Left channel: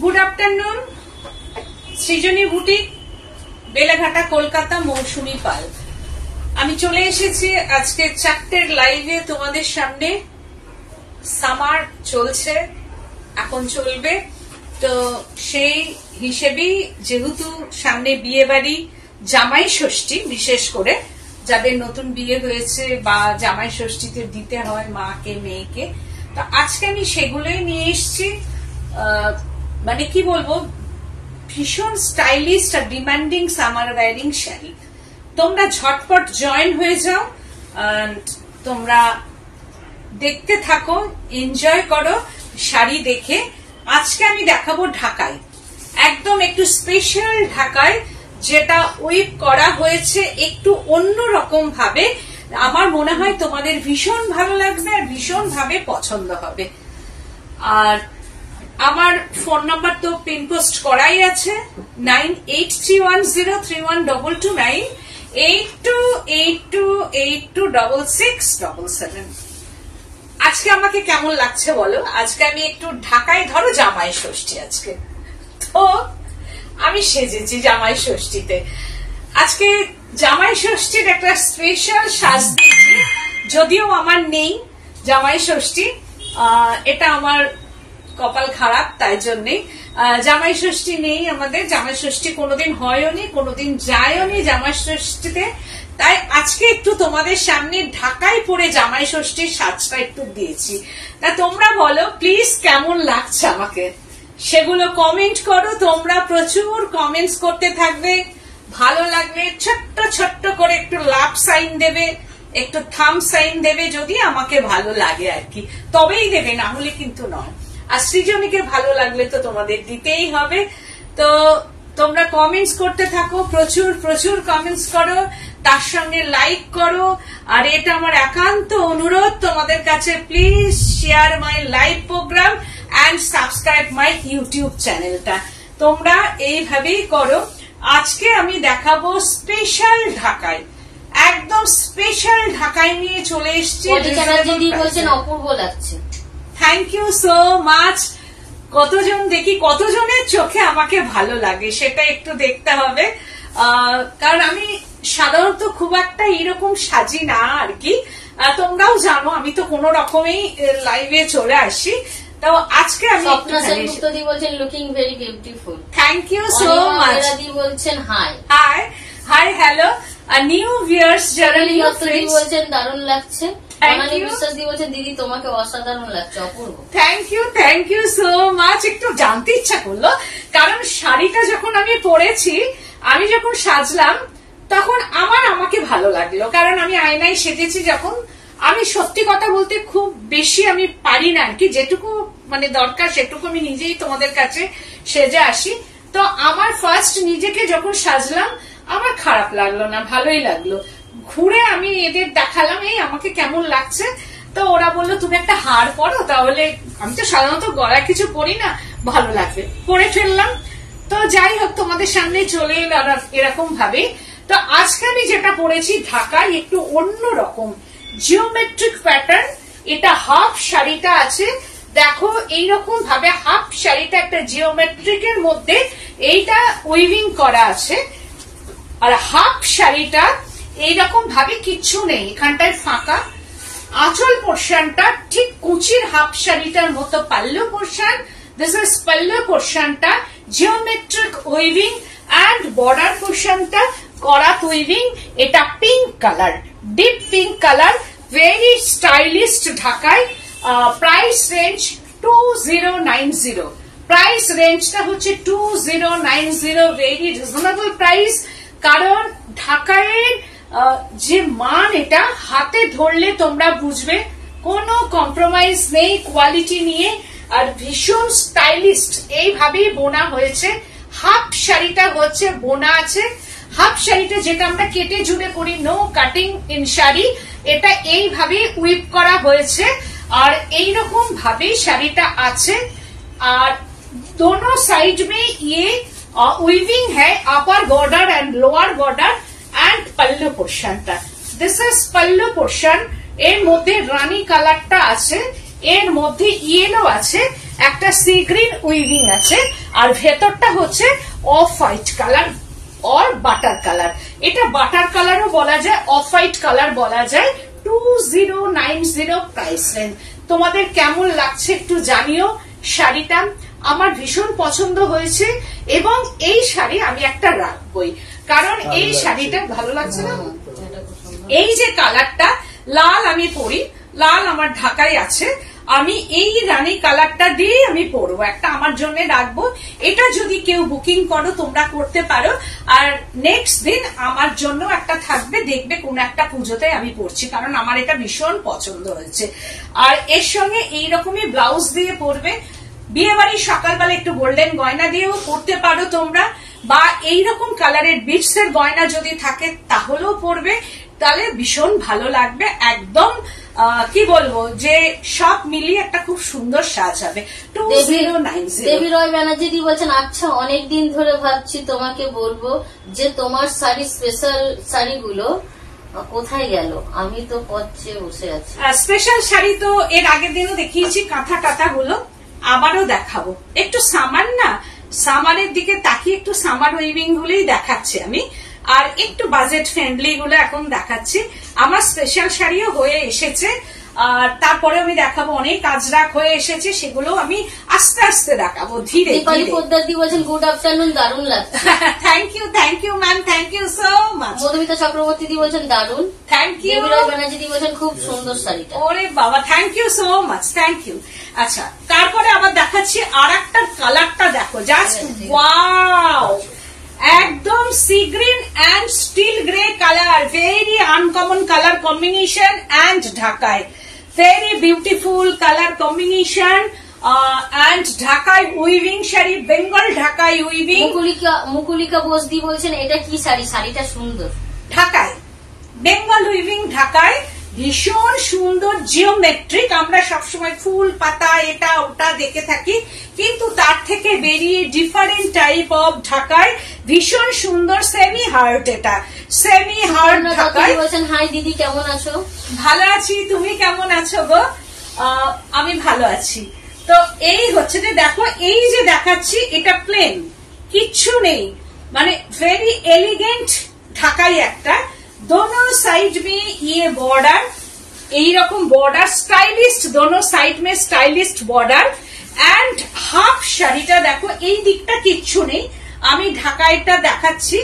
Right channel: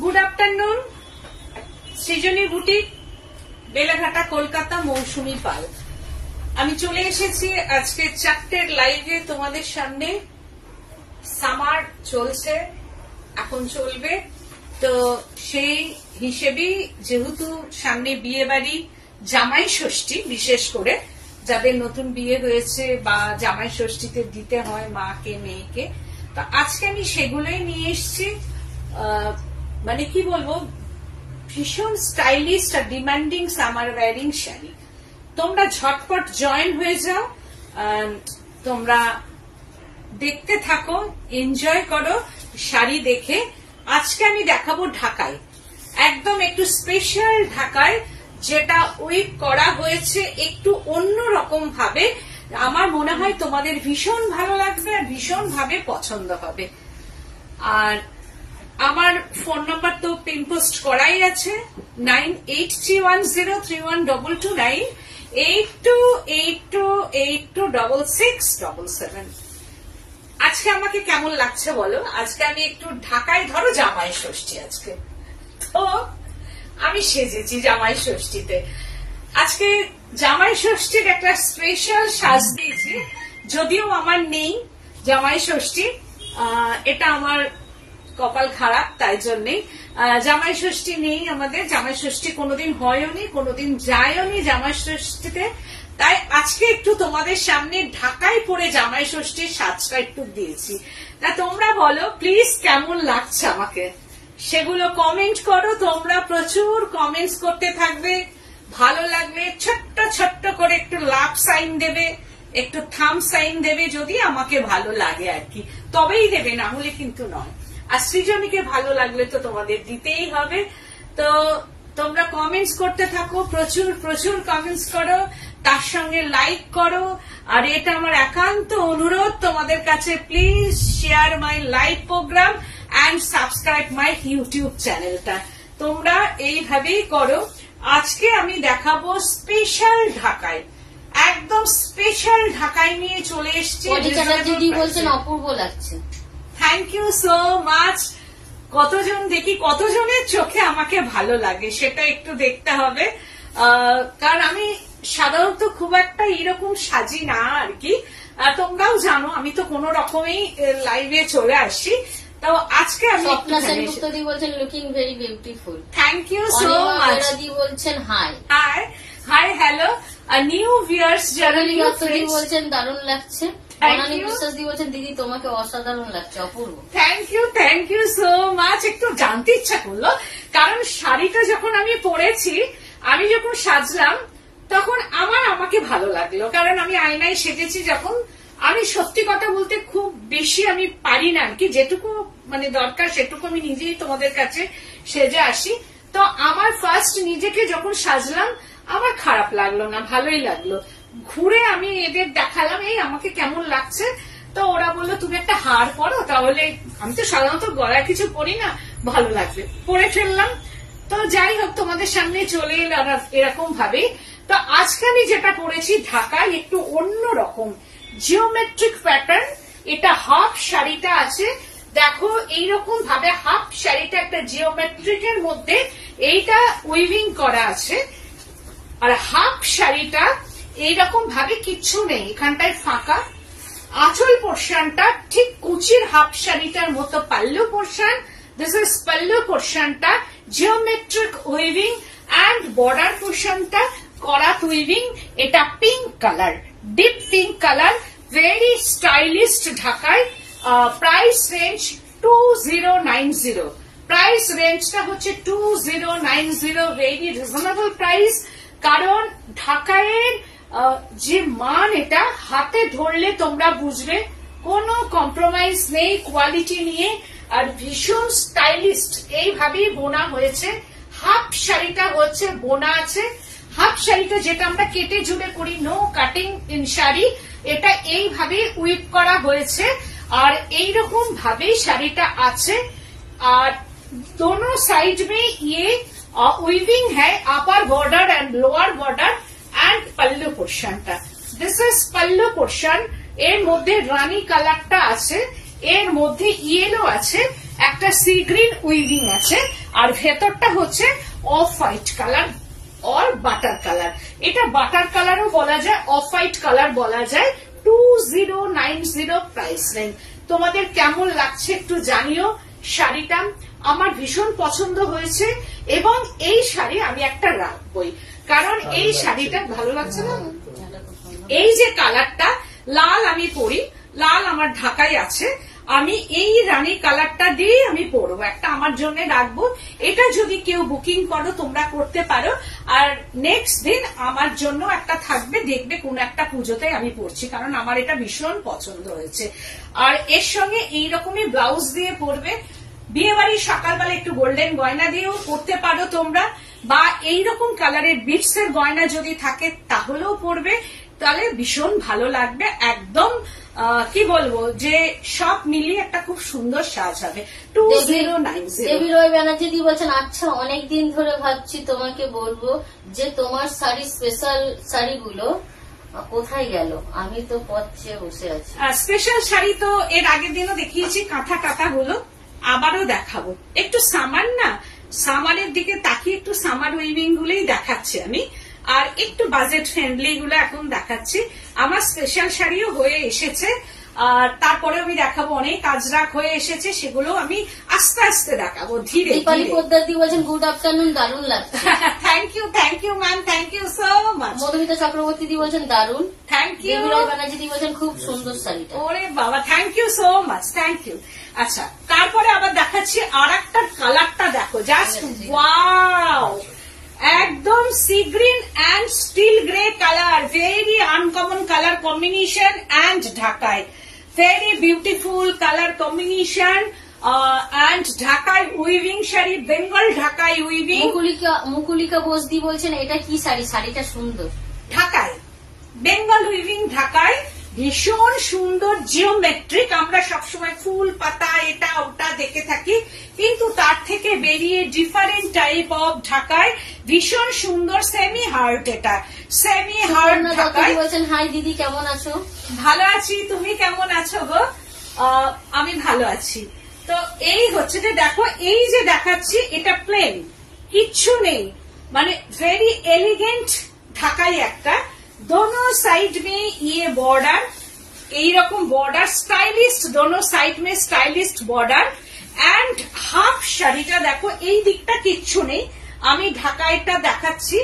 Good afternoon. Srijani boutique, Beleghata, Kolkata, Mousumi Pal. আমি চলে এসেছি আজকে 4টের লাইভে তোমাদের সামনে। সামার চলছে, এখন চলবে, তো সেই হিসেবেই যেহেতু সামনে বিয়ে বাড়ি, জামাই ষষ্ঠী, বিশেষ করে যাদের নতুন বিয়ে হয়েছে বা জামাই ষষ্ঠীতে দিতে হয় মাকে মেয়েকে, তো আজকে আমি সেগুলোই নিয়ে এসেছি। মানে কি বলবো, ভীষণ স্টাইলিশ আর ডিমান্ডিং সামার ওয়্যারিং শাড়ি। তোমরা ঝটপট জয়েন হয়ে যাও, তোমরা দেখতে থাকো, এনজয় করো শাড়ি দেখে। আজকে আমি দেখাবো ঢাকায়, একদম একটু স্পেশাল ঢাকায়, যেটা উইভ করা হয়েছে একটু অন্য রকম ভাবে। আমার মনে হয় তোমাদের ভীষণ ভালো লাগবে আর ভীষণ ভাবে পছন্দ হবে। আর আমার ফোন নাম্বার তো পিন পোস্ট করাই আছে, 9831031229, 8282826677। আজকে আমাকে কেমন লাগছে বলো? আজকে আমি একটু ঢাকায়, ধরো জামাই ষষ্ঠী আজকে, তো আমি সেজেছি জামাই ষষ্ঠীতে। আজকে জামাই ষষ্ঠীর একটা স্পেশাল সাজ দিয়েছি, যদিও আমার নেই জামাই ষষ্ঠী, এটা আমার কপাল খারাপ, তাই জন্যে জামাই ষষ্ঠী নেই আমাদের। জামাই ষষ্ঠী কোনোদিন হয়ও নি, কোনোদিন যায়ও নি জামাই ষষ্ঠীতে। তাই আজকে একটু তোমাদের সামনে ঢাকায় পরে জামাই ষষ্ঠীর সাজটা একটু দিয়েছি। তা তোমরা বলো প্লিজ কেমন লাগছে আমাকে, সেগুলো কমেন্ট করো। তোমরা প্রচুর কমেন্টস করতে থাকবে, ভালো লাগলে ছোট্ট ছোট্ট করে একটু লাভ সাইন দেবে, একটু থাম সাইন দেবে, যদি আমাকে ভালো লাগে আর কি, তবেই দেবে, না হলে কিন্তু নয়। আর সৃজনীকে ভালো লাগলে তো তোমাদের দিতেই হবে। তো তোমরা কমেন্টস করতে থাকো, প্রচুর প্রচুর কমেন্টস করো, তার সঙ্গে লাইক করো। আর এটা আমার একান্ত অনুরোধ তোমাদের কাছে, please share my live programme and subscribe my YouTube চ্যানেলটা। তোমরা এইভাবেই করো। আজকে আমি দেখাবো স্পেশাল ঢাকায়, একদম স্পেশাল ঢাকায় নিয়ে চলে এসেছি। অপূর্ব লাগছে, থ্যাংক ইউ সো মাচ। কতজন দেখি, কতজনের চোখে আমাকে ভালো লাগে সেটা একটু দেখতে হবে, কারণ আমি সাধারণত খুব একটা এরকম সাজি না আর কি। তোমরাও জানো আমি তো কোন রকমেই লাইভে চলে আসি। তো আজকে আমি বলছেন looking very beautiful, thank you so much. বলছেন hi hi hi hello new viewers, যারা নিউ ফ্রেন্ডস বলছেন দারুণ লাগছে। দিদি তোমাকে অসাধারণ লাগছে, অপূর্ব। Thank you so much. একটু জানতে ইচ্ছা করলো, কারণ শাড়িটা যখন আমি পরেছি, আমি যখন সাজলাম তখন আমাকে ভালো লাগলো, কারণ আমি আয়নায় সেজেছি যখন। আমি সত্যি কথা বলতে খুব বেশি আমি পারি না আর কি, যেটুকু মানে দরকার সেটুকু আমি নিজেই তোমাদের কাছে সেজে আসি। তো আমার ফার্স্ট নিজেকে যখন সাজলাম আমার খারাপ লাগলো না, ভালোই লাগলো। ঘুরে আমি এদের দেখালাম এই আমাকে কেমন লাগছে, তো ওরা বললো তুমি একটা হার পরো, তাহলে আমি তো সাধারণত গলায় কিছু পরি না, ভালো লাগবে, পরে ফেললাম। তো যাই হোক, তোমাদের সামনে চলে এলো এরকম ভাবে। তো আজকে আমি যেটা পরেছি ঢাকায় একটু অন্য রকম জিওমেট্রিক প্যাটার্ন। এটা হাফ শাড়িটা আছে, দেখো এইরকম ভাবে হাফ শাড়িটা একটা জিওমেট্রিকের মধ্যে এইটা উইভিং করা আছে। আর হাফ শাড়িটা এইরকম ভাবে কিচ্ছু নেই, এখানটায় ফাঁকা। আঁচল পোর্শনটা ঠিক কুচির হাফ শাড়িটার মতো। Pallu portion, this is pallu পোর্শনটা জিওমেট্রিক উইভিং, অ্যান্ড বর্ডার পোর্শনটা করাত উইভিং। এটা pink colour, deep pink colour, very stylish ঢাকায়। প্রাইস রেঞ্জ 2090, প্রাইস রেঞ্জটা হচ্ছে 2090, ভেরি রিজনেবল প্রাইস। কারণ ঢাকায়ের যে মান, এটা হাতে ধরলে তোমরা বুঝবে, কোনো কম্প্রোমাইজ নেই কোয়ালিটি নিয়ে, আর ভীষণ স্টাইলিস্ট এইভাবেই বোনা হয়েছে। হাফ শাড়িটা হচ্ছে বোনা আছে, হাফ শাড়িটা যেটা আমরা কেটে জুড়ে করি, নো কাটিং ইন শাড়ি, এটা এইভাবেই উইপ করা হয়েছে। আর এইরকম ভাবে শাড়িটা আছে। আর दोनों साइड में ये उइविंग है, upper border and lower border and pallu पोर्शनটা। This is pallu portion. এর মধ্যে রানী কালারটা আছে, এর মধ্যে ইয়েলো আছে, একটা সি গ্রিন উইভিং আছে, আর ভেতরটা হচ্ছে off white colour or butter colour. এটা বাটার কালারও বলা যায়, অফ হোয়াইট কালার বলা যায়। 2090 প্রাইস রেঞ্জ। তোমাদের কেমন লাগছে একটু জানিও। শাড়িটা আমার ভীষণ পছন্দ হয়েছে এবং এই শাড়ি আমি একটা রাখবই, কারণ এই শাড়িটা ভালো লাগছে না। এই যে কালারটা লাল, আমি পরি লাল, আমার ঢাকায় আছে, আমি এই রানী কালারটা দিয়ে আমি পরবো, একটা আমার জন্য রাখবো। এটা যদি কেউ বুকিং করো তোমরা করতে পারো। আর নেক্সট দিন আমার জন্য একটা থাকবে, দেখবে কোন একটা পুজোতে আমি পরছি, কারণ আমার এটা ভীষণ পছন্দ হয়েছে। আর এর সঙ্গে এইরকমই ব্লাউজ দিয়ে পরবে। বিয়ে বাড়ির সকালবেলা একটু গোল্ডেন গয়না দিয়েও পরতে পারো তোমরা, বা এইরকম কালারের বিটস এর গয়না যদি থাকে তাহলেও পরবে, তাহলে ভীষণ ভালো লাগবে। একদম কি বলবো যে সব মিলিয়ে একটা খুব সুন্দর সাজ হবে। 2090। দেবী রয় ব্যানার্জি দি বলছেন, আচ্ছা অনেকদিন ধরে ভাবছি তোমাকে বলবো যে তোমার শাড়ি স্পেশাল শাড়িগুলো কোথায় গেল, আমি তো পথে বসে আছি। স্পেশাল শাড়ি তো এর আগের দিনও দেখিয়েছি, কাঁথা কাঁথা গুলো আবারও দেখাবো। একটু সামার না, সামারের দিকে তাকিয়ে একটু সামার উইভিং গুলোই দেখাচ্ছি আমি, আর একটু বাজেট ফ্রেন্ডলি গুলো এখন দেখাচ্ছি। আমার স্পেশাল শাড়িও হয়ে এসেছে, আর তারপরে আমি দেখাবো অনেক আজরাক হয়ে এসেছে, সেগুলো আমি আস্তে আস্তে দেখাবো ধীরে ধীরে। পোদ্দার দি বলছেন গুড আফটারনুন, দারুণ লাগছে। Thank you ma'am, thank you so much. Madhumita Chakraborty দি বলছেন দারুণ। Thank you. দেবী রয় ব্যানার্জি দি বলছেন খুব সুন্দর শাড়িটা। ওরে বাবা, thank you so much, thank you. আচ্ছা, তারপরে আবার দেখাচ্ছি আর একটা কালারটা, দেখো জাস্ট ওয়াও, একদম sea green and steel grey colour, very uncommon colour combination and Dhakai, very beautiful colour combination and Dhakai weaving sari, Bengal Dhakai weaving. Mukulika Bose দি বলছেন এটা কি শাড়ি, শাড়িটা সুন্দর। ঢাকায় বেঙ্গল উইভিং, ঢাকায় ভীষণ সুন্দর জিওমেট্রিক। আমরা সবসময় ফুল পাতা এটা ওটা দেখে থাকি, কিন্তু তার থেকে বেরিয়ে ডিফারেন্ট টাইপ অফ ঢাকায় ভীষণ সুন্দর সেমি হার্ট। এটা সেমি হার্ট ঢাকায়। হাই দিদি, কেমন আছো? ভালো আছি, তুমি কেমন আছো গো? আমি ভালো আছি। তো এই হচ্ছে যে দেখো, এই যে দেখাচ্ছি এটা প্লেন, কিচ্ছু নেই, মানে ভেরি এলিগেন্ট ঢাকাই একটা। दोनों साइड में ये बॉर्डर, यही रकम बॉर्डर स्टाइलिस्ट, दोनों साइड में स्टाइलिस्ट बॉर्डर एंड हाफ শাড়িটা দেখো, এই দিকটা কিচ্ছু নেই, আমি ঢাকাইটা দেখাচ্ছি।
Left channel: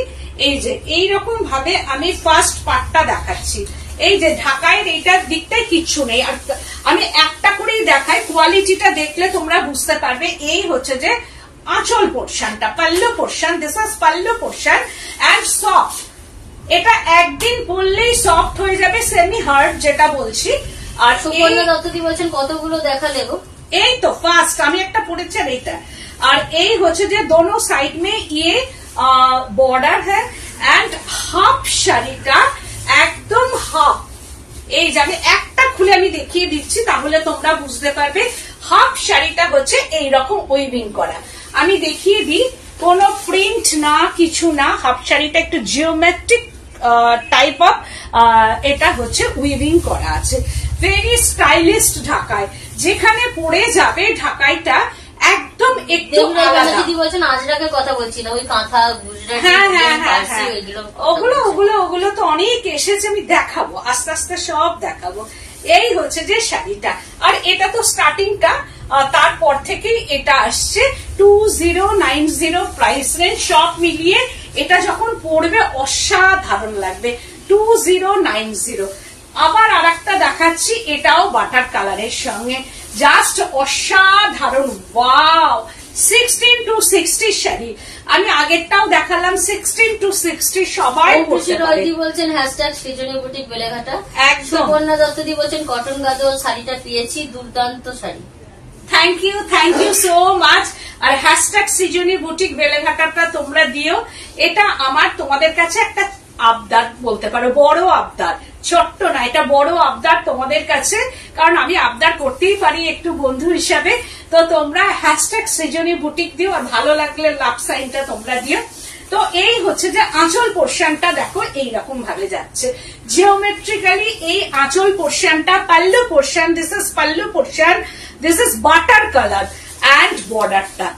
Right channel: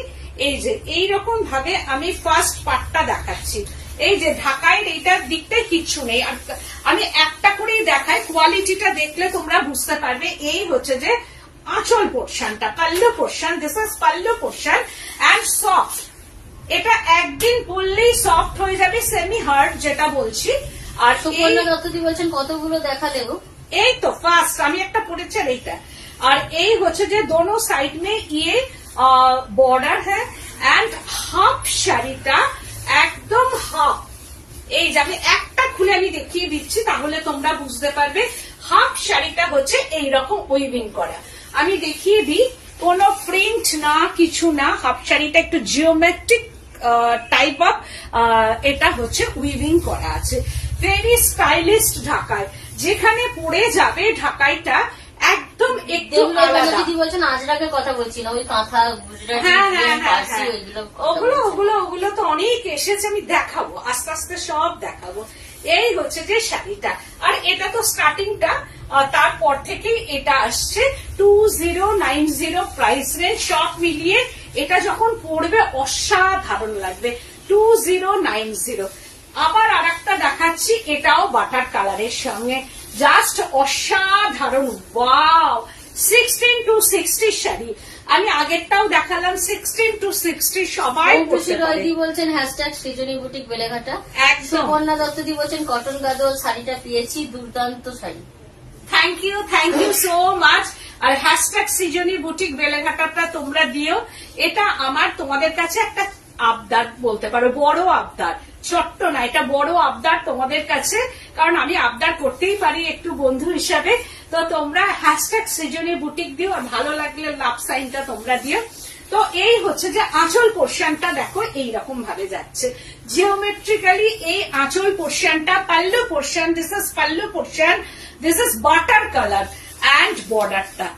এই যে এই রকম ভাবে আমি ফার্স্ট পার্টটা দেখাচ্ছি, এই যে ঢাকাইয়ের এইটার দিকটাই কিচ্ছু নেই। আর আমি একটা করেই দেখাই, কোয়ালিটিটা দেখলে তোমরা বুঝতে পারবে। এই হচ্ছে যে আঁচল পোর্শনটা, pallu portion, this is pallu portion and soft. এটা একদিন পরলেই সফট হয়ে যাবে, সেমি হার্ড যেটা বলছি। আর সুবর্ণা দত্তদি বলছেন কতগুলো দেখালে গো? এই তো ফার্স্ট আমি একটা পরেছি আর এইটা। আর এই হচ্ছে যে দোনো সাইড মে ইয়ে বর্ডার হ্যাঁ, এন্ড হাফ শাড়িটা একদম হাফ। এই যে আমি একটা খুলে আমি দেখিয়ে দিচ্ছি, তাহলে তোমরা বুঝতে পারবে। হাফ শাড়িটা হচ্ছে এইরকম উইভিং করা, আমি দেখিয়ে দিই, কোনো প্রিন্ট না কিছু না। হাফ শাড়িটা একটু জিওমেট্রিক টাইপ অফ, এটা হচ্ছে উইভিং করা আছে, ভেরি স্টাইলিস্ট ঢাকায়। যেখানে পরে যাবে ঢাকাইটা একদম একটু আলাদা। আজরাকের কথা বলছি না, ওই কাঁথা ওগুলো তো অনেক এসেছে, আমি দেখাবো আস্তে আস্তে সব দেখাবো। এই হচ্ছে যে শাড়িটা, আর এটা তো স্টার্টিংটা, তারপর থেকে এটা আসছে 2090 প্রাইস রেঞ্জ, সব মিলিয়ে এটা যখন পড়বে অসাধারণ লাগবে। 2090। আবার আর একটা দেখাচ্ছি, এটাও বাটার কালারের সঙ্গে, জাস্ট অসাধারণ। Wow, 16 to 60 sari. আমি আগেরটাও দেখালাম 16 to 60, সবাই পড়তে পারে। বলছেন হ্যাশট্যাগ সৃজনী বুটিক বেলেঘাটা। একদম। সুবর্ণা দত্তদি বলছেন কটন গাদোয়াল শাড়িটা পেয়েছি, দুর্দান্ত শাড়ি। Thank you so much. আর হ্যাশট্যাগ সৃজনী বুটিক বেলেঘাটাটা তোমরা দিও। এটা আমার তোমাদের কাছে একটা আবদার বলতে পারো, বড় আবদার, ছোট্ট না, এটা বড় আবদার তোমাদের কাছে, কারণ আমি আবদার করতেই পারি একটু বন্ধু হিসাবে। তো তোমরা হ্যাশট্যাগ সৃজনী বুটিক দিও, আর ভালো লাগলে লাভ সাইনটা তোমরা দিও। তো এই হচ্ছে যে আঁচল পোর্শনটা দেখো এইরকম ভাবে যাচ্ছে জিওমেট্রিক্যালি। এই আঁচল পোর্শনটা, pallu portion, this is pallu portion, this is butter colour and বর্ডারটা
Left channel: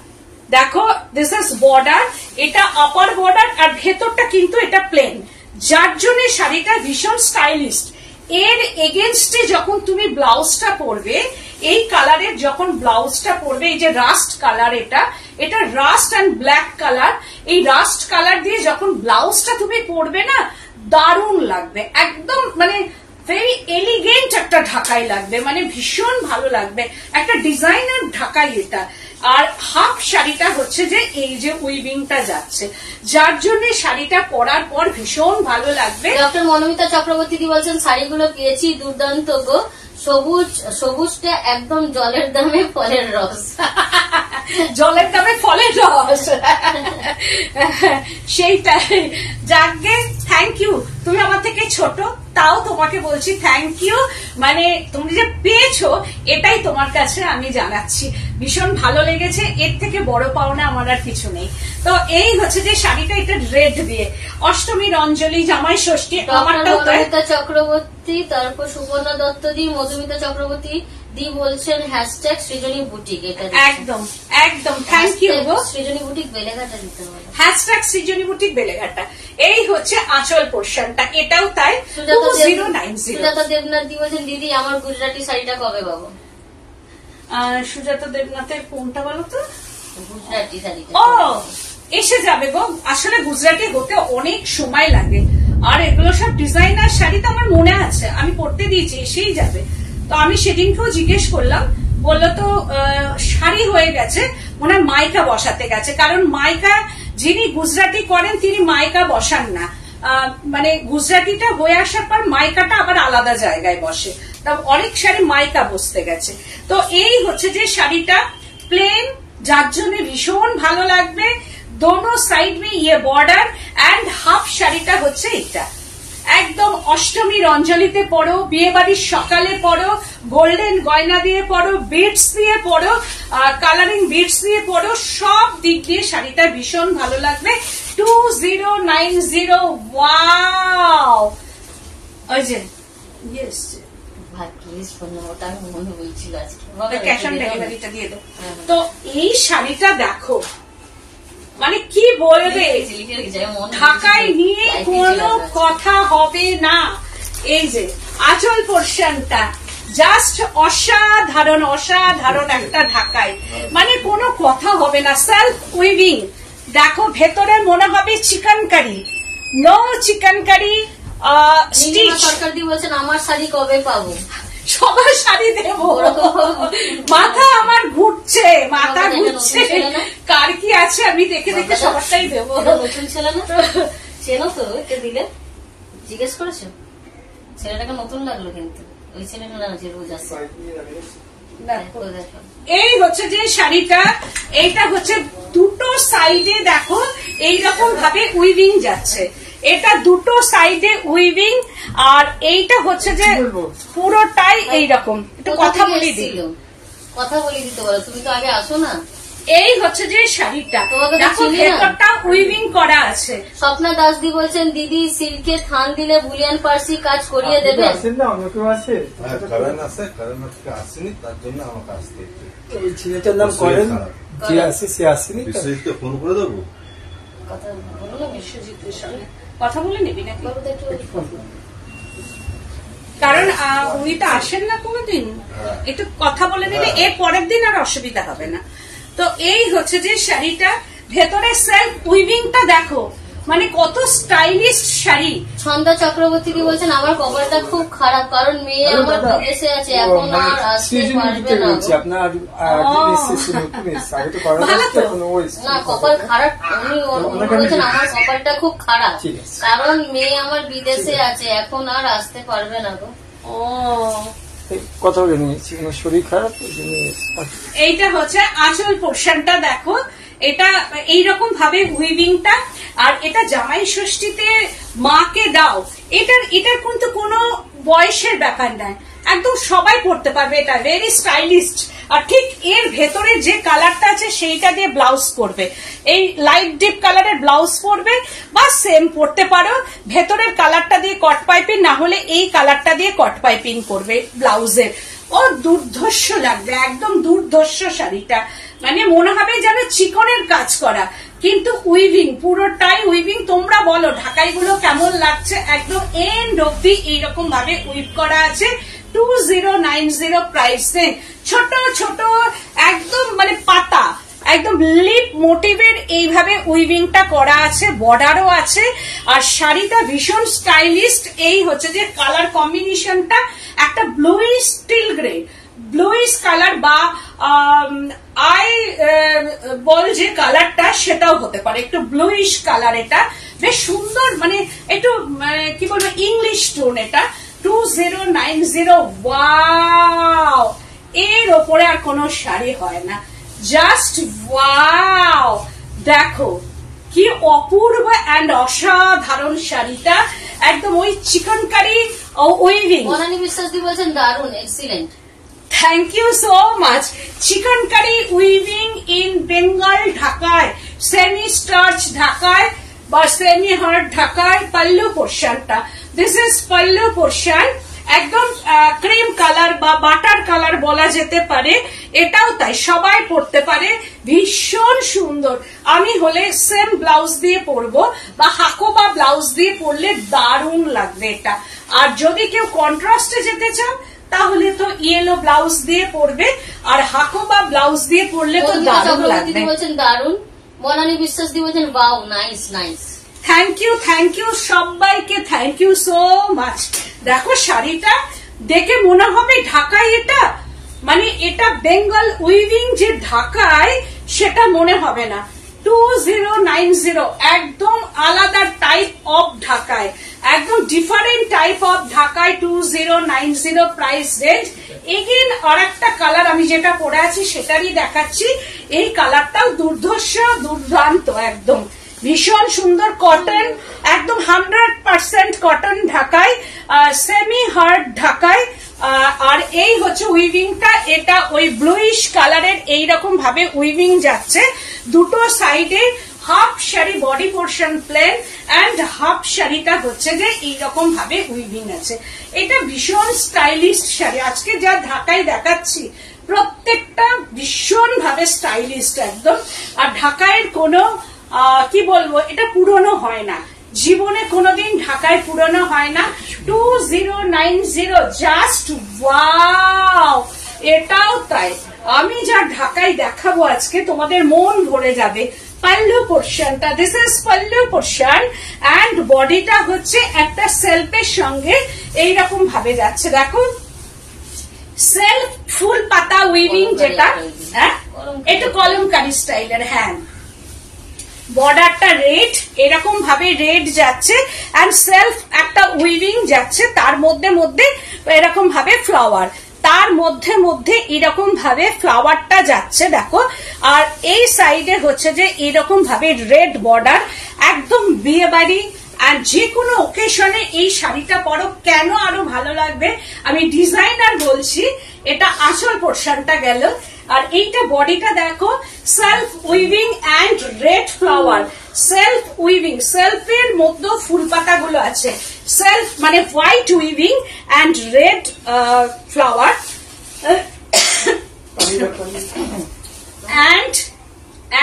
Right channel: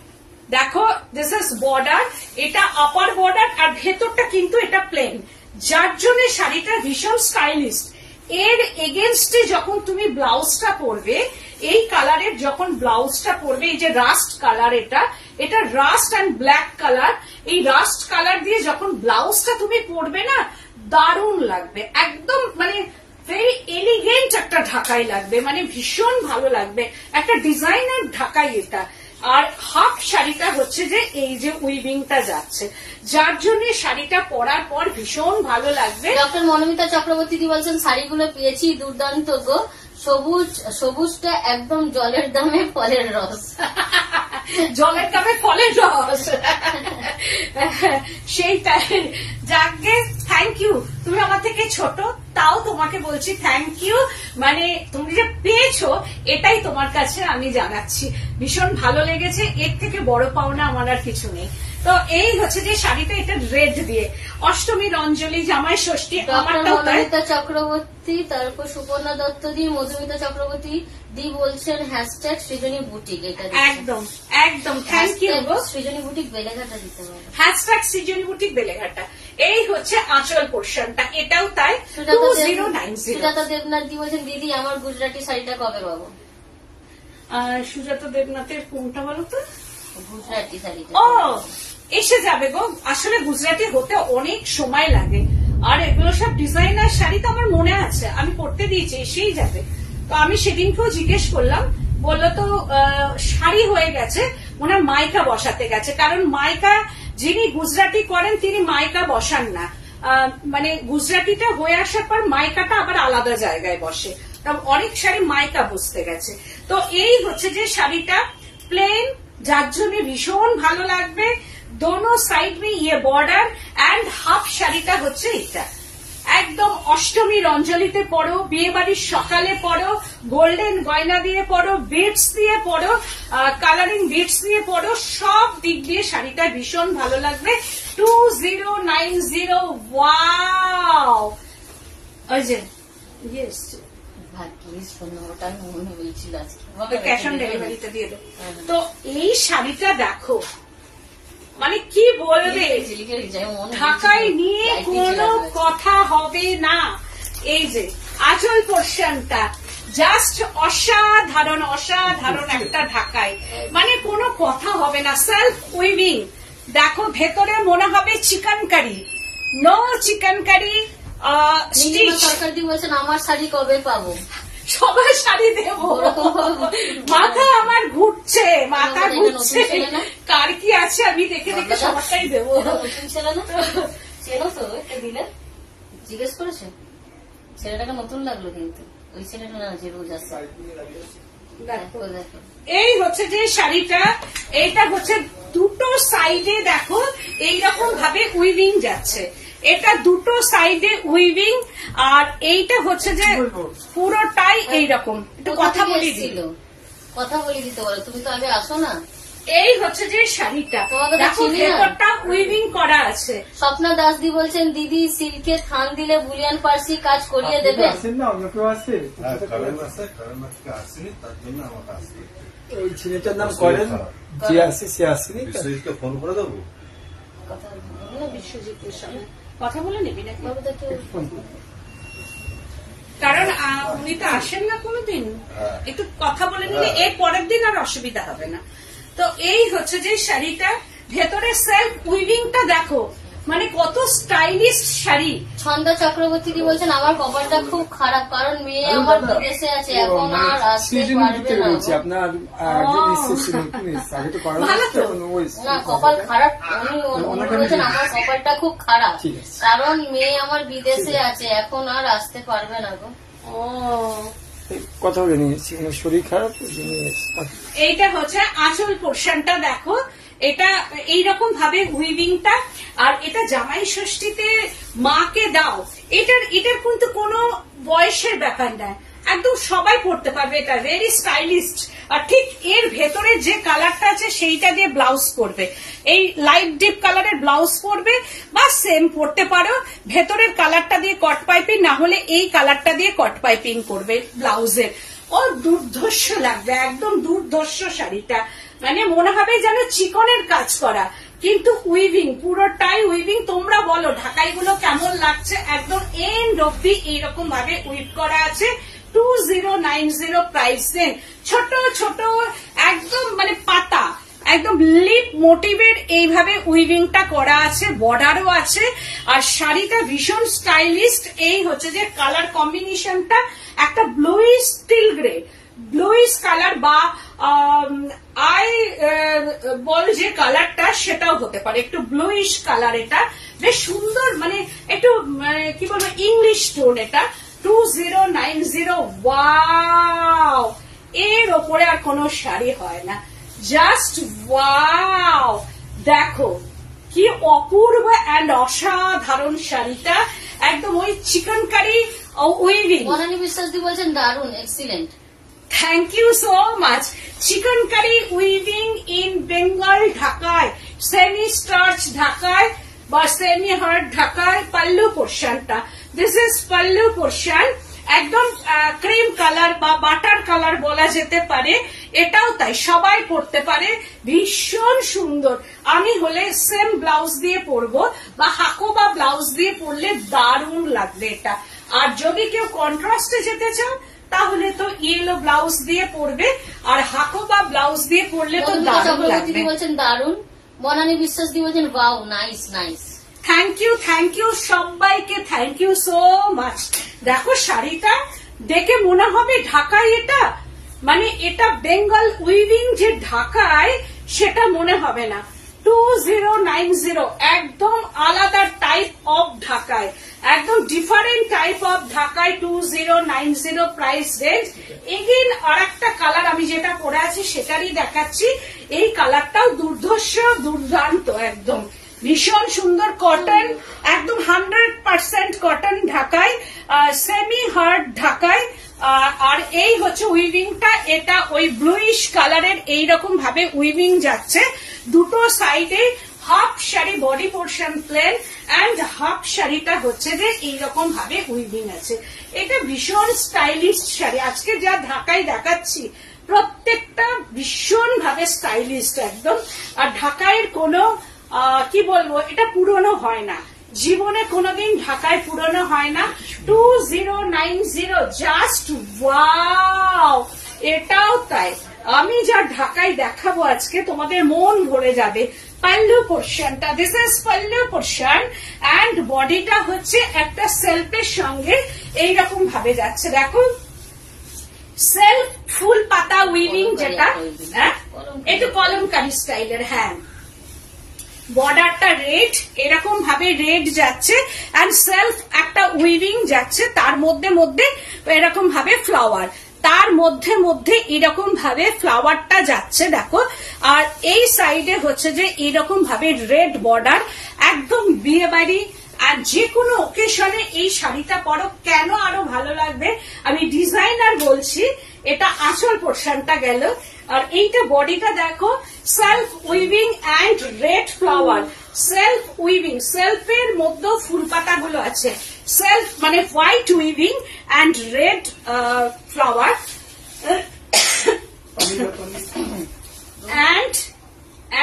দেখো দিস ইজ বর্ডার, এটা আপার বর্ডার আর ভেতরটা কিন্তু এটা প্লেন, যার জন্য শাড়িটা ভীষণ স্টাইলিস্ট। এর এগেনস্টে যখন তুমি ব্লাউজটা পরবে, এই কালারের যখন ব্লাউজটা পরবে, এই যে রাস্ট কালার, এটা রাস্ট অ্যান্ড ব্ল্যাক কালার, এই রাস্ট কালার দিয়ে যখন ব্লাউজটা তুমি পরবে না, দারুণ লাগবে, একদম মানে ভেরি এলিগেন্ট একটা ঢাকাই লাগবে, মানে ভীষণ ভালো লাগবে, একটা ডিজাইনার ঢাকাই এটা। আর হাফ শাড়িটা হচ্ছে যে এই যে উইভিংটা যাচ্ছে, যার জন্য শাড়িটা পরার পর ভীষণ ভালো লাগবে। ডক্টর মনোমিতা চক্রবর্তী বলছেন শাড়িগুলো পেয়েছি দুর্দান্ত গো, সবুজটা একদম জলের দামে ফলের রস। জলের দামে ফলের রস, সেইটাই। যাকে থ্যাংক ইউ, তুমি আমার থেকে ছোট, তাও তোমাকে বলছি থ্যাংক ইউ, মানে তুমি যে পেয়েছো এটাই তোমার কাছে আমি জানাচ্ছি, ভীষণ ভালো লেগেছে, এর থেকে বড় পাওনা আমার আর কিছু নেই। তো এই হচ্ছে যে শাড়িটা, এটা রেড দিয়ে, অষ্টমীর অঞ্জলি, জামাই ষষ্ঠী, আমারটাও তাই। মধুমিতা চক্রবর্তী, তারপর সুপর্ণা দত্ত দি, মধুমিতা চক্রবর্তী দি বলছেন হ্যাশট্যাগ সৃজনী বুটিক, এটা একদম একদম থ্যাংক ইউ গো। সৃজনী বুটিক বেলেঘাটা দিতে হবে, হ্যাশট্যাগ সৃজনী বুটিক বেলেঘাটা। এই হচ্ছে আঁচল পোর্শনটা, এটাও তাই। সুজাতা দেবনাথ দি বলছেন দিদি আমার গুজরাটি শাড়িটা কবে পাবো? সুজাতা দেবনাথের কোনটা বলো তো? গুজরাটি শাড়িটা ও এসে যাবে গো, আসলে গুজরাটি হতে অনেক সময় লাগে, আর এগুলো সব ডিজাইনার শাড়ি তো আমার মনে আছে, আমি পরতে দিয়েছি, এসেই যাবে। তো আমি সেদিনকেও জিজ্ঞেস করলাম, বললো তো শাড়ি হয়ে গেছে, মনে হয় মাইকা বসাতে গেছে, কারণ মাইকা যিনি গুজরাটি করেন তিনি মাইকা বসান না, মানে গুজরাটিটা হয়ে আসার পর মাইকাটা আবার আলাদা জায়গায় বসে, অনেক শাড়ি মাইকা বসতে গেছে। তো এই হচ্ছে যে শাড়িটা প্লেন, যার জন্য ভীষণ ভালো লাগবে, দোনো সাইড মে ইয়ে বর্ডার, এন্ড হাফ শাড়িটা হচ্ছে এটা, একদম অষ্টমীর অঞ্জলিতে পরো, বিয়ে বাড়ির সকালে পরো, গোল্ডেন গয়না দিয়ে পরো, বিটস দিয়ে পরো, কালারিং বিটস দিয়ে পরো, সব দিক দিয়ে শাড়িটা ভীষণ ভালো লাগবে। 2090, ওয়াও, ওই যে ইয়েস ক্যাশ অন ডেলিভারিটা দিয়ে দেবো। তো এই শাড়িটা দেখো, মানে কি বলবে, ঢাকায় নিয়ে কোনো কথা হবে না। এই যে আঁচল পোর্শনটা জাস্ট অসাধারণ, অসাধারণ একটা ঢাকাই, মানে কোনো কথা হবে না, সেলফ উইভিং। দেখো ভেতরে মনে হবে chicken curry, no chicken curry stitch. Sarkar দিয়ে বলছেন আমার শাড়ি কবে পাবো? সবার শাড়ি দেবো, মাথা আমার ঘুরছে, মাথা ঘুরছে, কার কি আছে আমি দেখে দেখে সবারটাই দেবো। নতুন ছেলে না, চেনো তো এটা দিলে? জিজ্ঞেস করেছো? ছেলেটাকে নতুন লাগলো কিন্তু, ওই ছেলেটা না যে রোজ আসে। এই হচ্ছে যে শাড়িটা, এইটা হচ্ছে দুটো সাইডে দেখো এইরকম ভাবে উইভিং যাচ্ছে, এটা দুটো সাইডে উইভিং, আর এইটা হচ্ছে যে পুরোটাই এইরকম। একটু কথা বলে দিল, কথা বলে দিতে বলো, তুমি তো আগে আসো না। এই হচ্ছে যে শাড়িটা, দেখো ভেতরটা উইভিং করা আছে। স্বপ্না দাস দি বলছেন দিদি সিল্কের থান দিলে বুলিয়ান পার্সি কাজ করিয়ে দেবে। আসেনি, তার জন্য আমাকে আসতে এই ছেলেটার নাম করেন, যে আসে সে আসেনি, বিশ্বজিৎকে ফোন করে দেবো। কথা বলে নিবি নাকি? কারণ উনি তো আসেন না কোনোদিন, একটু কথা বলে নিলে এর পরের দিন আর অসুবিধা হবে না। তো এই হচ্ছে যে শাড়িটা, ভেতরে সেলফ উইভিংটা দেখো, মানে কত স্টাইলিশ শাড়ি। ছন্দা চক্রবর্তী কি বলছেন আমার কপালটা খুব খারাপ, কারণ মেয়ে আমার বিদেশে আছে, এখন আর আসতে পারবে না। আপনার না কপাল খারাপ, উনি বলছেন আমার কপালটা খুব খারাপ, কারণ মেয়ে আমার বিদেশে আছে, এখন আর আসতে পারবে না গো। কথা বলে নিয়েছি, শরীর খারাপ। এইটা হচ্ছে আঁচল পোর্শনটা দেখো, এটা এইরকম ভাবে উইভিংটা, আর এটা জামাই ষষ্ঠীতে মাকে দাও, এটার কিন্তু কোনো বয়সের ব্যাপার নাই, একদম সবাই পড়তে পারবে, এটা ভেরি স্টাইলিস্ট। আর ঠিক এর ভেতরে যে কালারটা আছে সেইটা দিয়ে ব্লাউজ করবে, এই লাইট ডিপ কালারের ব্লাউজ করবে, বা সেম পড়তে পারো, ভেতরের কালারটা দিয়ে কট পাইপিং, না হলে এই কালারটা দিয়ে কট পাইপিং করবে ব্লাউজের। ও দুর্ধর্ষ লাগবে, একদম দুর্ধর্ষ শাড়িটা, মানে মনে হবে যেন চিকনের কাজ করা, কিন্তু উইভিং, পুরোটাই উইভিং। তোমরা বলো ঢাকাইগুলো কেমন লাগছে? একদম এন্ড অব্দি এইরকম ভাবে উইভ করা আছে। 2090 প্রাইস রেঞ্জ। ছোট ছোট একদম মানে পাতা, একদম লিপ মোটিভের এইভাবে উইভিংটা করা আছে, বর্ডারও আছে। আর শাড়িটা ভীষণ স্টাইলিস্ট। এই হচ্ছে যে কালার কম্বিনেশনটা একটা bluish still grey, bluish colour বা আই বল যে কালারটা সেটাও হতে পারে, একটু ব্লুইশ কালার। এটা বেশ সুন্দর, মানে একটু কি বলবো ইংলিশ টোন। এটা 2090। ওয়াও, এর ওপরে আর কোনো শাড়ি হয় না। জাস্ট ওয়াও, দেখো কি অপূর্ব এন্ড অসাধারণ শাড়িটা। একদম ওই chicken curry weaving. Manali Biswas di বলছেন দারুন, excellent. Thank you so much. Chicken curry weaving in Bengal ঢাকায়, সেমি স্টার্চ ঢাকায় বা সেমি হার্ড ঢাকায়। পাল্লু পোর্শনটা, দিস ইজ পাল্লু পোর্শন। একদম ক্রিম কালার বা বাটার কালার বলা যেতে পারে। এটাও তাই, সবাই পরতে পারে, ভীষণ সুন্দর। আমি হলে সেম ব্লাউজ দিয়ে পরবো বা হাকোবা ব্লাউজ দিয়ে পরলে দারুণ লাগবে এটা। আর যদি কেউ কন্ট্রাস্টে যেতে চাও তাহলে তো ইয়েলো ব্লাউজ দিয়ে পরবে, আর হাকোবা ব্লাউজ দিয়ে পরলে তো দারুণ লাগবে। বলছেন দারুন। মনালী বিশ্বাস দি বলছেন wow, nice nice. Thank you সবাইকে, থ্যাংক ইউ সো মাচ। দেখো শাড়িটা দেখে মনে হবে ঢাকায়, এটা মানে এটা বেঙ্গল উইভিং যে ঢাকায় সেটা মনে হবে না। 2090 একদম আলাদা টাইপ অফ ঢাকায়, একদম ডিফারেন্ট টাইপ অফ ঢাকায়। 2090 প্রাইস রেঞ্জ। এগেন আর একটা কালার আমি যেটা পরে আছি সেটারই দেখাচ্ছি। এই কালারটাও দুর্দান্ত, একদম ভীষণ সুন্দর। কটন, একদম 100% কটন ঢাকায়, সেমি হার্ড ঢাকায়। আর এই হচ্ছে উইভিংটা, এটা ওই ব্লুইশ কালারের এইরকম ভাবে উইভিং যাচ্ছে। দুটো সাইডে half sari, body portion plain and half শাড়িটা হচ্ছে যে এইরকম ভাবে উইভিং আছে। এটা ভীষণ স্টাইলিশ শাড়ি। আজকে যা ঢাকায় দেখাচ্ছি প্রত্যেকটা ভীষণ ভাবে স্টাইলিশ একদম। আর ঢাকায়ের কোনো কি বলবো, এটা পুরনো হয় না, জীবনে কোনোদিন ঢাকায় পুরনো হয় না। 2090 জাস্ট ওয়াও, এটাও তাই। আমি যা ঢাকায় দেখাবো আজকে তোমাদের মন ভরে যাবে। পাল্লু পোর্শনটা, this is pallu portion and বডিটা হচ্ছে একটা সেলফের সঙ্গে এইরকম ভাবে যাচ্ছে। দেখো সেলফ ফুল পাতা উইভিং যেটা, হ্যাঁ একটু কলমকারি স্টাইলের। হ্যাঁ, বর্ডারটা রেড, এরকম ভাবে রেড যাচ্ছে এন্ড সেলফ একটা উইভিং যাচ্ছে, তার মধ্যে মধ্যে এরকম ভাবে ফ্লাওয়ার, তার মধ্যে মধ্যে এরকম ভাবে ফ্লাওয়ারটা যাচ্ছে দেখো। আর এই সাইডে হচ্ছে যে এরকম ভাবে রেড বর্ডার, একদম বিয়ে বাড়ি আর যে কোনো ওকেশনে এই শাড়িটা পরো, কেন আরো ভালো লাগবে। আমি ডিজাইনার বলছি। এটা আঁচল পোর্শনটা গেল, আর এইটা বডিটা দেখো self weaving and red flower. Self weaving, সেলফের মধ্যে ফুল পাতা গুলো আছে, সেলফ মানে white weaving and red flower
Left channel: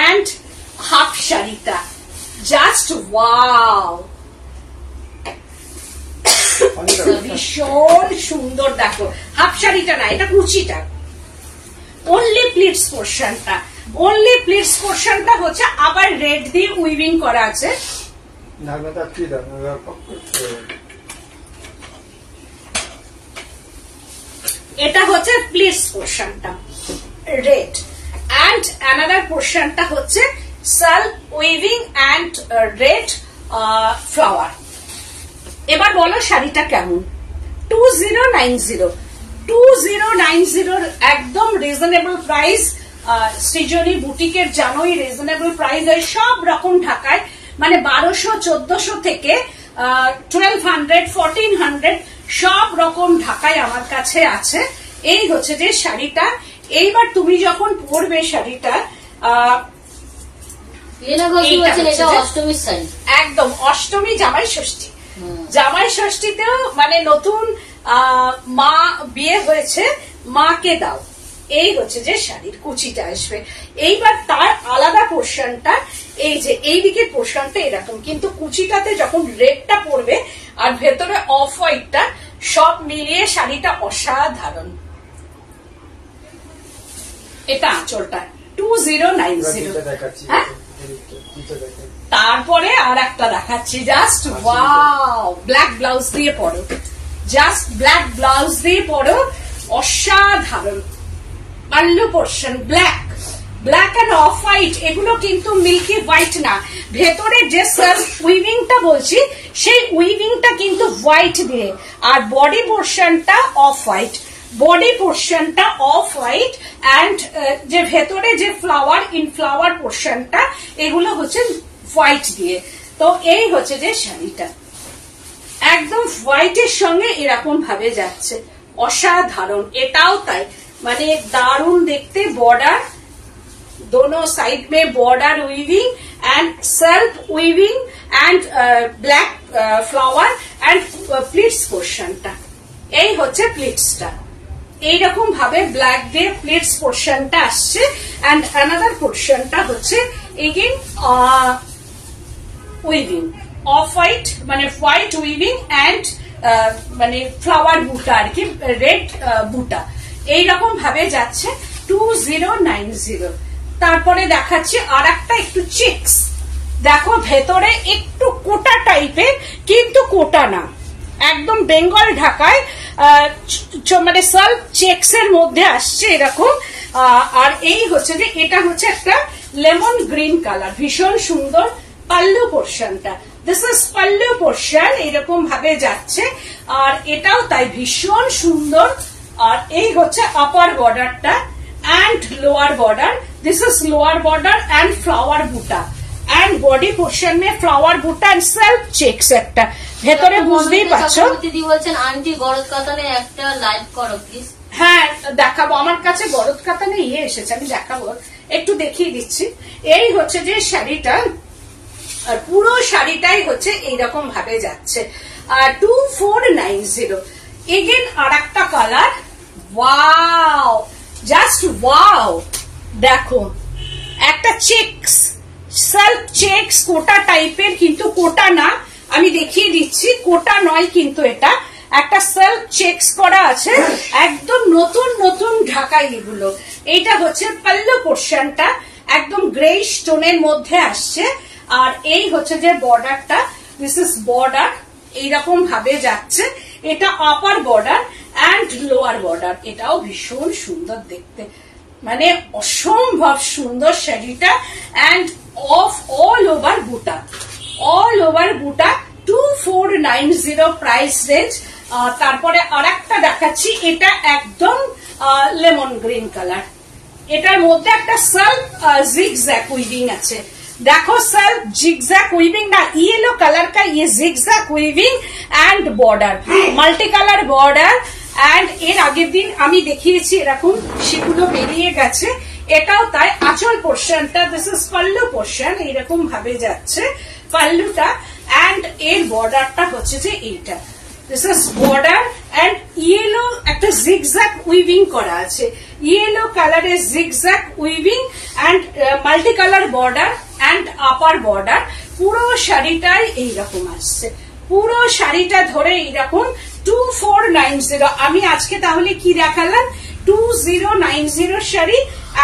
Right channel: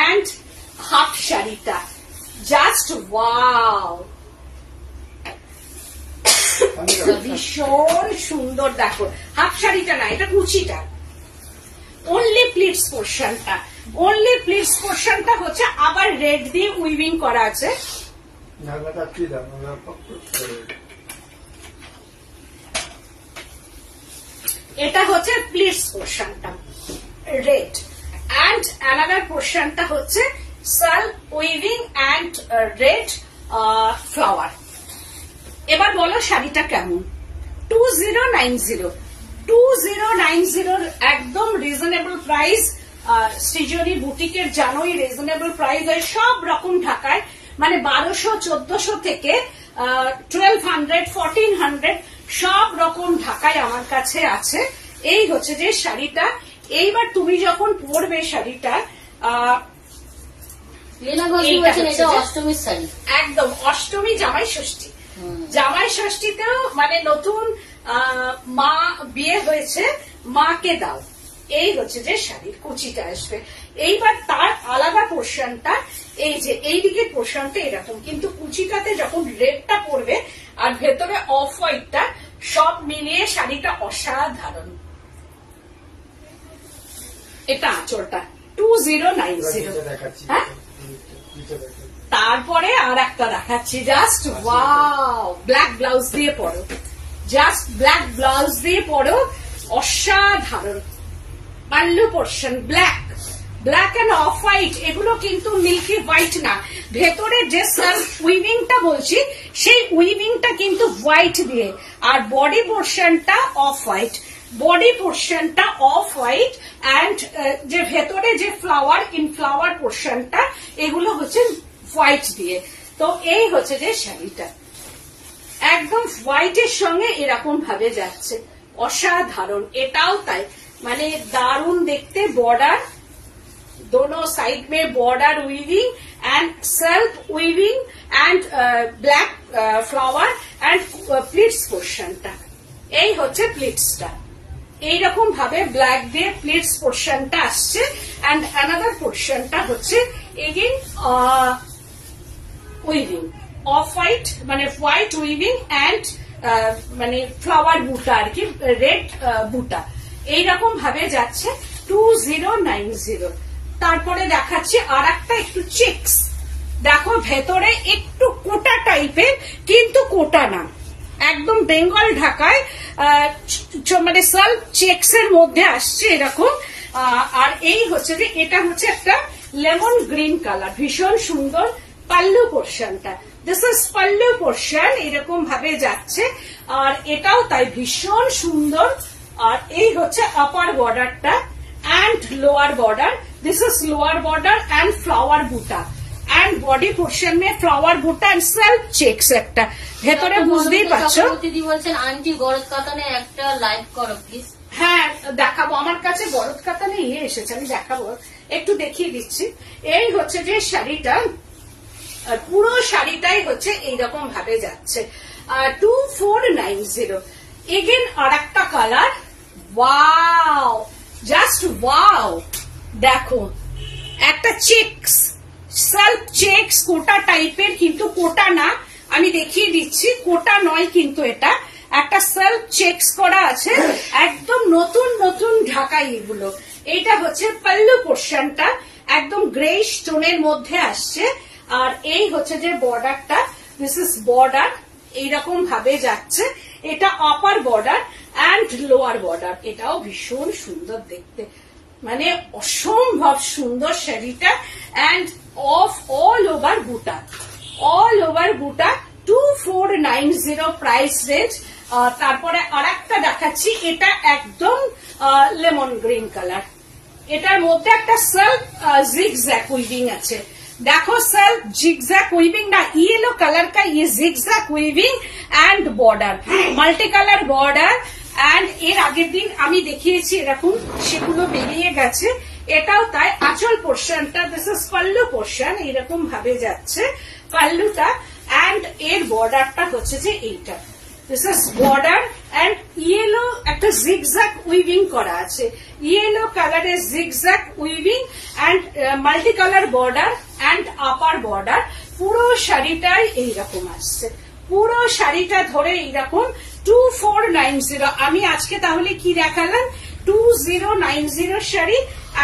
and half শাড়িটা জাস্ট ওয়াও, ভীষণ সুন্দর। দেখো হাফ শাড়িটা না, এটা কুচিটা। অনলি প্লিটস পোর্শনটা, অনলি প্লিটস পোর্শনটা হচ্ছে আবার রেড দিয়ে উইভিং করা আছে। এটা হচ্ছে প্লিটস পোর্শনটা রেড এন্ড অ্যানাদার পোর্শনটা হচ্ছে self weaving and red flower. এবার বলো শাড়িটা কেমন। 2090 একদম রিজনেবল প্রাইস। সৃজনী বুটিকের জানোই রিজনেবল প্রাইস হয় সব রকম ঢাকায়, মানে 1200-1400 থেকে 1200, 1400 সব রকম ঢাকায় আমার কাছে আছে। এই হচ্ছে যে শাড়িটা। এইবার তুমি যখন পরবে শাড়িটা, একদম অষ্টমী জামাই ষষ্ঠী, জামাই ষষ্ঠীতেও মানে নতুন মা বিয়ে হয়েছে, মাকে দাও এই হচ্ছে যে শাড়ির কুচিটা আসবে। এইবার তার আলাদা পোর্শনটা এই যে এইদিকে পোর্শনটা এরকম, কিন্তু কুচিটাতে যখন রেডটা পড়বে আর ভেতরে অফ হোয়াইটটা, সব মিলিয়ে শাড়িটা অসাধারণ। এটা আঁচলটা 2090। হ্যাঁ, তারপরে আর একটা দেখাচ্ছি, জাস্ট ওয়াও, ব্ল্যাক ব্লাউজ দিয়ে পরো, জাস্ট ব্ল্যাক ব্লাউজ দিয়ে পরো, অসাধারণ। Pallu portion black, black end off white, এগুলো কিন্তু মিল্কি হোয়াইট না, ভেতরে যে সেলফ উইভিংটা বলছি সেই উইভিংটা কিন্তু হোয়াইট দিয়ে, আর বডি পোর্শনটা অফ হোয়াইট, বডি পোর্শনটা অফ হোয়াইট অ্যান্ড যে ভেতরে যে ফ্লাওয়ার ইন ফ্লাওয়ার পোর্শনটা এগুলো হচ্ছে হোয়াইট দিয়ে। তো এই হচ্ছে যে শাড়িটা একদম হোয়াইটের সঙ্গে এরকম ভাবে যাচ্ছে, অসাধারণ। এটাও তাই, মানে দারুণ দেখতে। বর্ডার दोनों साइड में border weaving and self weaving and black flower and pleats पोर्शनটা, এই হচ্ছে প্লিটসটা। এইরকম ভাবে ব্ল্যাক দিয়ে প্লিটস পোর্শনটা আসছে এন্ড অ্যানাদার পোর্শনটা হচ্ছে এগেইন উইভিং অফ হোয়াইট, মানে হোয়াইট উইভিং এন্ড মানে ফ্লাওয়ার বুটা আর কি, রেড বুটা, এইরকম ভাবে যাচ্ছে 2090। তারপরে দেখাচ্ছি আর একটা একটু চেক্স, দেখো ভেতরে একটু কোটা টাইপের, কিন্তু কোটা না, একদম বেঙ্গল ঢাকায় মানে সেলফ চেক্স এর মধ্যে আসছে এরকম। আর এই হচ্ছে যে এটা হচ্ছে একটা লেমন গ্রিন কালার, ভীষণ সুন্দর। পাল্লু পোর্শনটা, দিস ইজ পাল্লু পোর্শন, এরকম ভাবে যাচ্ছে, আর এটাও তাই ভীষণ সুন্দর। আর এই হচ্ছে আপার বর্ডারটা and lower border, this is lower border and flower buta and body portion में flower buta and self checks একটা ভেতরে, বুঝতেই পারছো। দিদি বলছেন আন্টি গরদ কাতানে একটা লাইভ করো প্লিজ। হ্যাঁ দেখাবো, আমার কাছে গরদ কাতানে এসেছে, আমি দেখাবো, একটু দেখিয়ে দিচ্ছি। এই হচ্ছে যে শাড়িটা, পুরো শাড়িটাই হচ্ছে এইরকম ভাবে যাচ্ছে 2490। এগেন আর একটা কালার, ওয়াও, জাস্ট ওয়াও, দেখো একটা চেক্স, সেলফ চেক্স, কোটা টাইপের, কিন্তু কোটা না, আমি দেখিয়ে দিচ্ছি, কোটা নয় কিন্তু এটা একটা সেলফ চেক্স করা আছে, একদম নতুন নতুন ঢাকাই এগুলো। এইটা হচ্ছে পাল্লু পোর্শনটা, একদম গ্রে স্টোনের মধ্যে আসছে, আর এই হচ্ছে যে বর্ডারটা, দিস ইজ বর্ডার, এইরকম ভাবে যাচ্ছে। এটা upper border and lower border, এটাও ভীষণ সুন্দর দেখতে, মানে অসম্ভব সুন্দর শাড়িটা। And of all over buta, all over buta 2490 price range. তারপরে আর একটা দেখাচ্ছি, এটা একদম লেমন গ্রিন কালার, এটার মধ্যে একটা সেলফ জিগজ্যাগ উইভিং আছে, देखो सेल्फ जिगजैग उइविंग ना, येलो कलर का ये zigzag weaving and border, multi colour border and এর আগের দিন আমি দেখিয়েছি এরকম, সেগুলো বেরিয়ে গেছে। এটাও তাই, আঁচল পোর্শনটা, দিস ইজ পাল্লু পোর্শন, এইরকম ভাবে যাচ্ছে পাল্লুটা, এন্ড এর বর্ডারটা হচ্ছে যে এইটা, this is border and yellow একটা জিগজ্যাগ উইভিং করা আছে, ইয়েলো কালারের zigzag weaving and multi colour border and upper border. পুরো শাড়িটাই এইরকম আসছে, পুরো শাড়িটা ধরে এইরকম 2490। আমি আজকে তাহলে কি দেখালাম, 2090 শাড়ি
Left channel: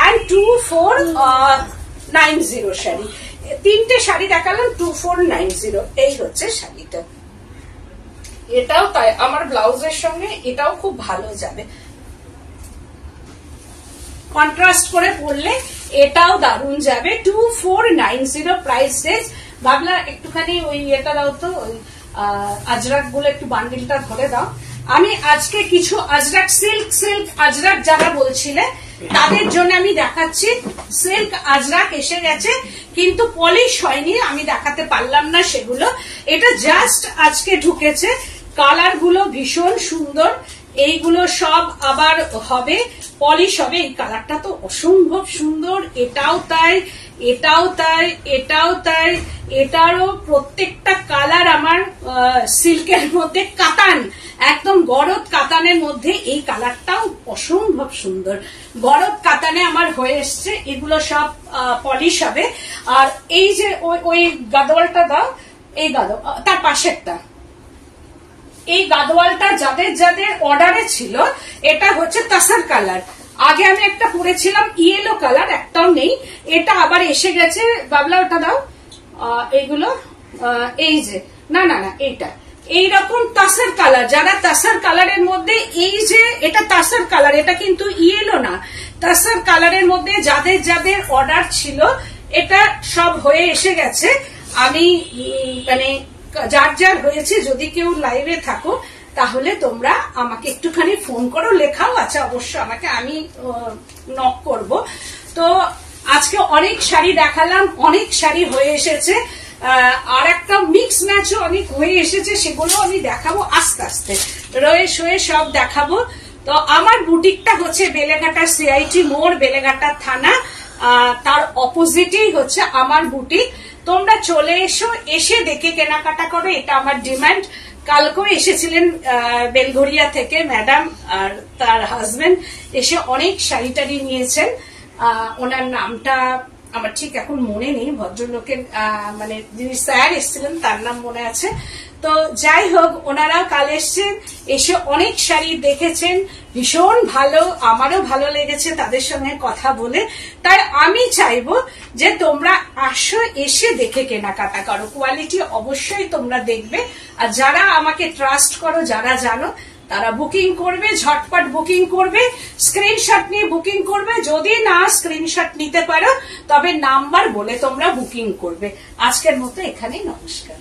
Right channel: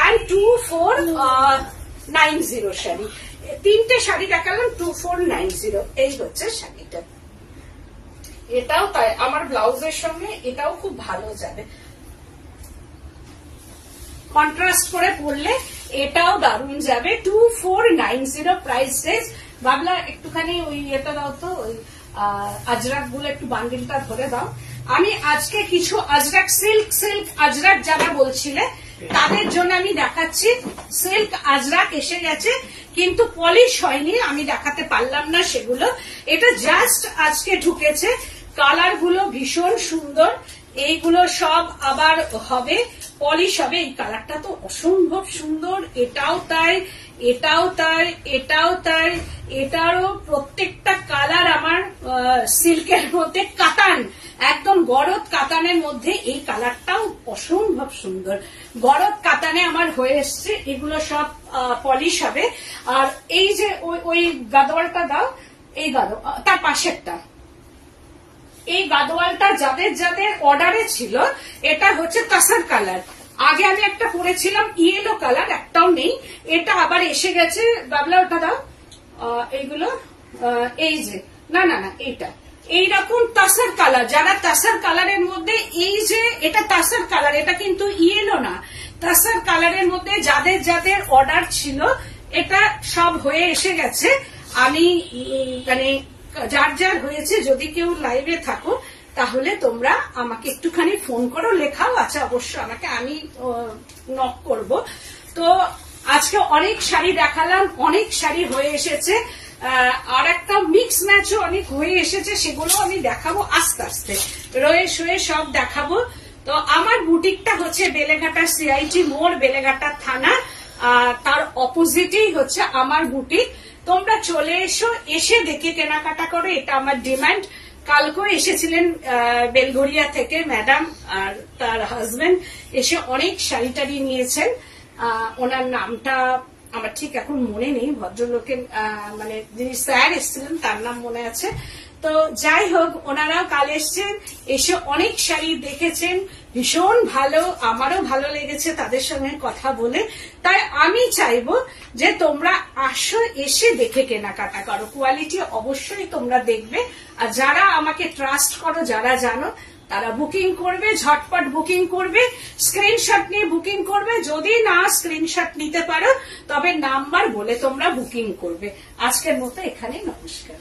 এন্ড 2490 শাড়ি, তিনটে শাড়ি দেখালাম 2490। এই হচ্ছে শাড়িটা, এটাও তাই, আমার ব্লাউজের সঙ্গে এটাও খুব ভালো যাবে, কন্ট্রাস্ট করে পরলে এটাও দারুণ যাবে। 2490 প্রাইস রেঞ্জ। ভাবলা একটুখানি ওই এটা দাও তো, ওই আজরাক গুলো একটু বান্ডিলটা ধরে দাও। আমি আজকে কিছু আজরাক, সিল্ক আজরাক যারা বলছিলে তাদের জন্য আমি দেখাচ্ছি। সিল্ক আজরাক এসে গেছে, কিন্তু পলিশ হয়নি, আমি দেখাতে পারলাম না সেগুলো, এটা জাস্ট আজকে ঢুকেছে। কালার গুলো ভীষণ সুন্দর, এইগুলো সব আবার হবে, পলিশ হবে। এই কালারটা তো অসম্ভব সুন্দর, এটাও তাই, এটাও তাই, এটাও তাই, এটারও প্রত্যেকটা কালার আমার সিল্কের মধ্যে কাতান, একদম গরদ কাতানের মধ্যে এই কালারটাও অসম্ভব সুন্দর। গরদ কাতানে আমার হয়ে এসছে, এগুলো সব পলিশ হবে। আর এই যে ওই গাদোয়ালটা দাও, এই তার পাশেরটা, এই গাদোয়ালটা যাদের যাদের অর্ডারে ছিল, এটা হচ্ছে তাসার কালার। আগে আমি একটা পরেছিলাম ইয়েলো কালার, একটাও নেই, এটা আবার এসে গেছে। বাবলা ওটা দাও, এইগুলো এই যে না না না এইটা এইরকম তাসার কালার, যারা তাসার কালারের মধ্যে, এই যে এটা তাসার কালার, এটা কিন্তু ইয়েলো না, তাসার কালারের মধ্যে যাদের যাদের অর্ডার ছিল এটা সব হয়ে এসে গেছে। আমি মানে যার যার হয়েছে, যদি কেউ লাইভে থাকো তাহলে তোমরা আমাকে একটুখানি ফোন করো, লেখাও আছে অবশ্য আমাকে, আমি নক করব। তো আজকে অনেক শাড়ি দেখালাম, অনেক শাড়ি হয়ে এসেছে, আর একটা মিক্স ম্যাচও অনেক হয়ে এসেছে, সেগুলো আমি দেখাবো আস্তে আস্তে, রয়ে শয়ে সব দেখাবো। তো আমার বুটিকটা হচ্ছে বেলেঘাটা সিআইটি মোড়, বেলেঘাটা থানা, তার অপোজিটেই হচ্ছে আমার বুটিক। তোমরা চলে এসো, এসে দেখে কেনাকাটা করো, এটা আমার ডিমান্ড। কালকেও এসেছিলেন বেলঘরিয়া থেকে ম্যাডাম আর তার হাজবেন্ড, এসে অনেক শাড়ি টাড়ি নিয়েছেন। ওনার নামটা আমার ঠিক এখন মনে নেই, ভদ্রলোকের মানে যিনি স্যার এসেছিলেন তার নাম মনে আছে। তো যাই হোক, ওনারাও কাল এসছেন, এসে অনেক শাড়ি দেখেছেন, ভীষণ ভালো, আমারও ভালো লেগেছে তাদের সঙ্গে কথা বলে। তাই আমি চাইবো যে তোমরা আসো, এসে দেখে কেনাকাটা করো, কোয়ালিটি অবশ্যই তোমরা দেখবে। আর যারা আমাকে ট্রাস্ট করো, যারা জানো, তারা বুকিং করবে, ঝটপট বুকিং করবে, স্ক্রিনশট নিয়ে বুকিং করবে। যদি না স্ক্রিনশট নিতে পারো তবে নাম্বার বলে তোমরা বুকিং করবে। আজকের মতো এখানেই, নমস্কার।